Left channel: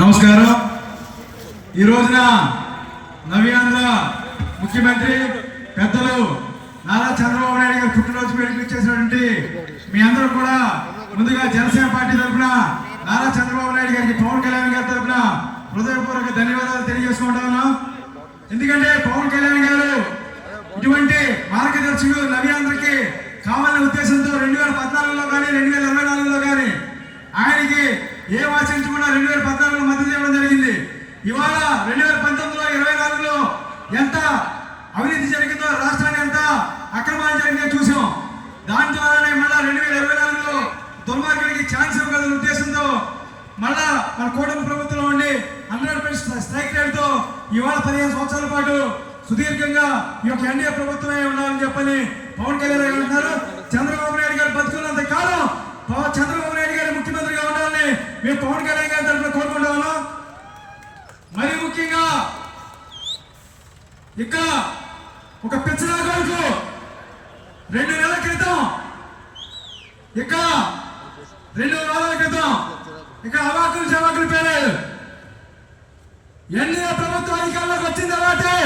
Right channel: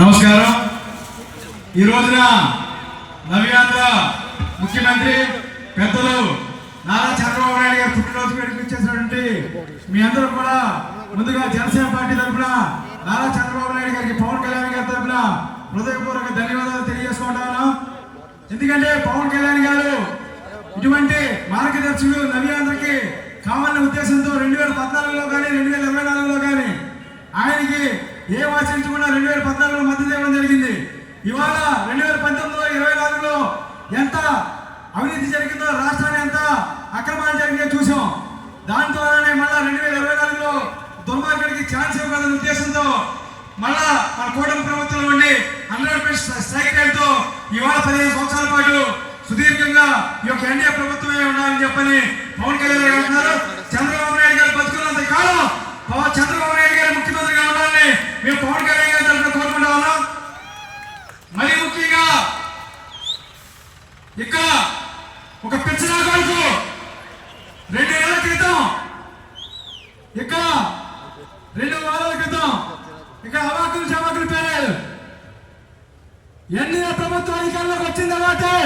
నమస్కారం. ఈ రోజున నవ్యాంధ్ర ముఖ్యమంత్రి పెద్దలు నారా చంద్రబాబు నాయుడు గారు పుట్టినరోజు వేడుకలిచ్చేసినటువంటి మీ అందరూ కూడా ముందుగా జనసేన పార్టీ తరఫున నారా చంద్రబాబు నాయుడు గారికి, పవన్ కళ్యాణ్ గారి తరఫున హృదయపూర్వక ధన్యవాదాలు తెలియజేసుకుంటాను. ఎందుకంటే పవన్ కళ్యాణ్ గారు ఇటువంటి మార్గదర్శకులు నవ్యాంధ్రకి కావాలనే ఉద్దేశంతో 2014లో కానీ 2024లో కానీ ఆయనకి ఏం ఆచరించకుండా 2014లో మద్దతు ఇవ్వడం జరిగింది. ఇవాళ 2019లో 24లో ఎంత అవినీతి జరిగిందో, రాష్ట్రాన్ని ఎంత అక్రమాలు జరిగిందో చూసాం. దాని ద్వారానే మళ్ళా 2024లో దుర్మార్గుడికి ఛాన్స్ ఇవ్వాలనే ఉద్దేశంతో మళ్ళా మన కూటమి ప్రభుత్వంలో ఉండి 100% స్ట్రైక్ రేట్తో ఇవాళ 15 సంవత్సరాల పాటు సుదీర్ఘంగా ఈ యొక్క ఎన్డీఏ ప్రభుత్వమే ఉండాలని చెప్పని పవన్ కళ్యాణ్ గారు అంటున్నారు. చంద్రబాబు నాయుడు గారు బతుకున్నంత కాలం చంద్రబాబు నాయుడు గారు ముఖ్యమంత్రిగా ఉండాలని మేము పవన్ కళ్యాణ్ గారి తరఫున కోరుకుంటా ఉన్నాం. మరి ముఖ్యంగా ఇక్కడ ఒక పెంచిన కొడుకు 2 నెలల క్రితం, ఇక్కడ 2 వారాల క్రితం ఇక్కడ అవాకులు చవాకులు పేరారు. ఎన్డీఏ ప్రభుత్వం అధికారంలోకి వచ్చిన తర్వాతే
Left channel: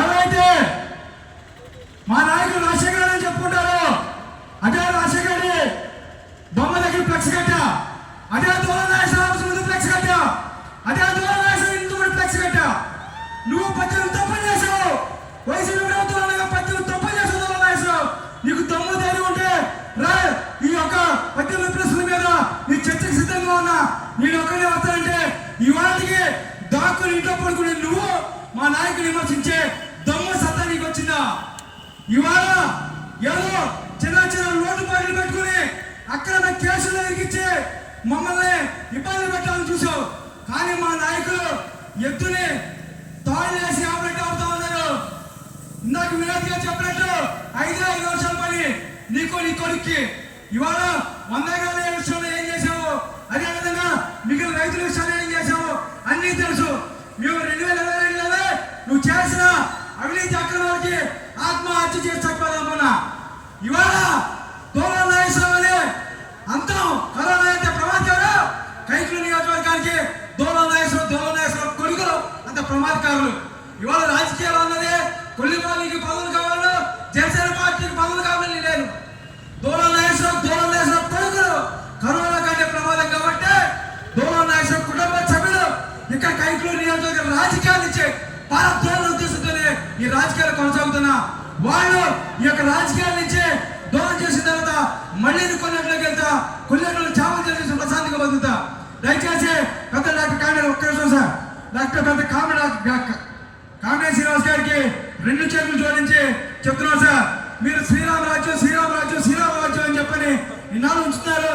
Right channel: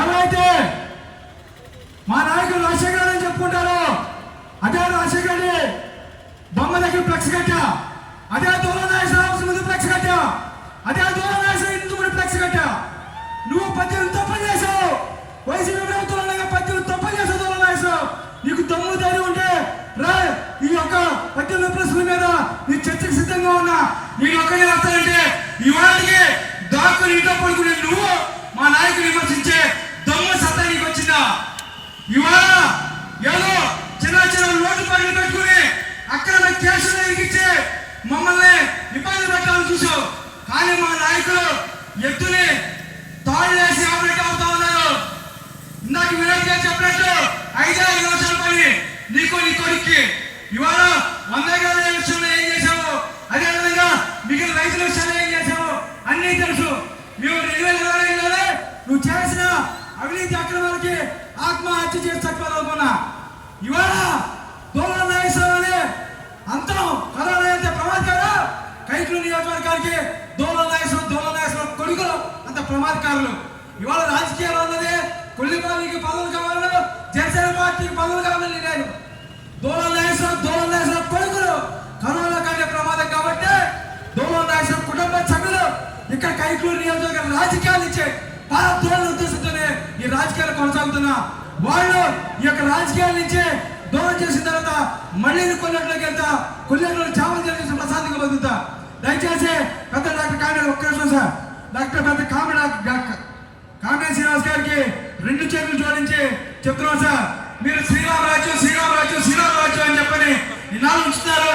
ఎవరైతే మా నాయకులు రాజశేఖర్ అని చెప్పుకుంటారో అదే రాజశేఖర్ బొమ్మ దగ్గర ఫ్లెక్స్ కట్టా, అదే దూరం ముందు ఫ్లెక్స్ కట్టా, అదే దూరం ఇంటి ముందు ఫ్లెక్స్ కట్టా. నువ్వు 18 తప్పులు చేసావు. వైసీపీ ప్రభుత్వం 18 తప్పులు చేసావు. దూరం నాగేశ్వరరావు, నీకు దమ్ము ధైర్యం ఉంటే రా, ఈ యొక్క 18 ప్రశ్నల మీద నీ చర్చకు సిద్ధంగా ఉన్నా. నేను ఒక్కడే వస్తానంటే ఇవాళకి దాక్కుని ఇంట్లో పడుకుని నువ్వు మా నాయకులు విమర్శించే దమ్ము సత్తా నీకు వచ్చిందా? ఇవాళ ఏదో చిన్న చిన్న లోటు పనులు పెట్టుకుని అక్రమ కేసులు ఎరిగించి మమ్మల్ని ఇబ్బంది పెట్టాలని చూసావు. కానీ మా నాయకులు ఎత్తుని తాళ్ళు వేసి ఆపరేట్ అవుతా ఉన్నారు. ఇందాక విరాట్ గారు చెప్పినట్టు 5 నిమిషాల పని నీకు, నీ కొడుక్కి. ఇవాళ 100 ఎకరాల విషయంలో ఏం చేశావు, అదేవిధంగా మిగిలిన రైతుల విషయంలో ఏం చేశావు అన్నీ తెలుసు. మేము 2022లో నువ్వు చేసిన అవినీతి అక్రమాలకి ఆత్మహత్య చేసి చచ్చిపోవాలనుకున్నా. ఇవాళ దూరం నాగేశ్వరరావు అంతం కరోనా అంటే ప్రమాదకారు. కైట్ల నియోజకవర్గానికి దూరం నాగేశ్వరరావు కొడుకులు అంత ప్రమాదకారులు. ఇవాళ రాజకీయాలు అన్నది కొల్లిబాబుకి పదవులు కావాలి, జనసేన పార్టీకి పదవులు కావాలని లేదు. దూరం నాగేశ్వరరావు కొడుకులు కరోనా కంటే ప్రమాదం కాబట్టి దూరం నాగేశ్వరరావు కుటుంబ సభ్యులు ఇక్కడ కైట్లూరు నియోజకవర్గ రాజకీయాలు ఇచ్చే భారతదేశం ఉద్దేశంతోనే ఈ రాజకీయాలు కొనసాగుతున్నా. వాళ్ళు ఈ యొక్క రాజకీయాల నుంచి దూరం చేసిన తర్వాత మళ్ళీ కొన్నట్లోకి వెళ్తా, కొన్నిట్లో చావలు చేసి ప్రశాంతంగా బతుకుతా. దయచేసి పెద్ద డాక్టర్ కామెడీ ఒక్క నిమిషం సార్, డాక్టర్ పెద్ద కామెడీ శ్రీనివాస్ గారికి 2 చేతులు జోడించి చెప్తున్నాను సార్, మీరు శ్రీరామరాజ్యం అని చెప్పని నిన్నాళ్ళు ఉంచుతున్నారు.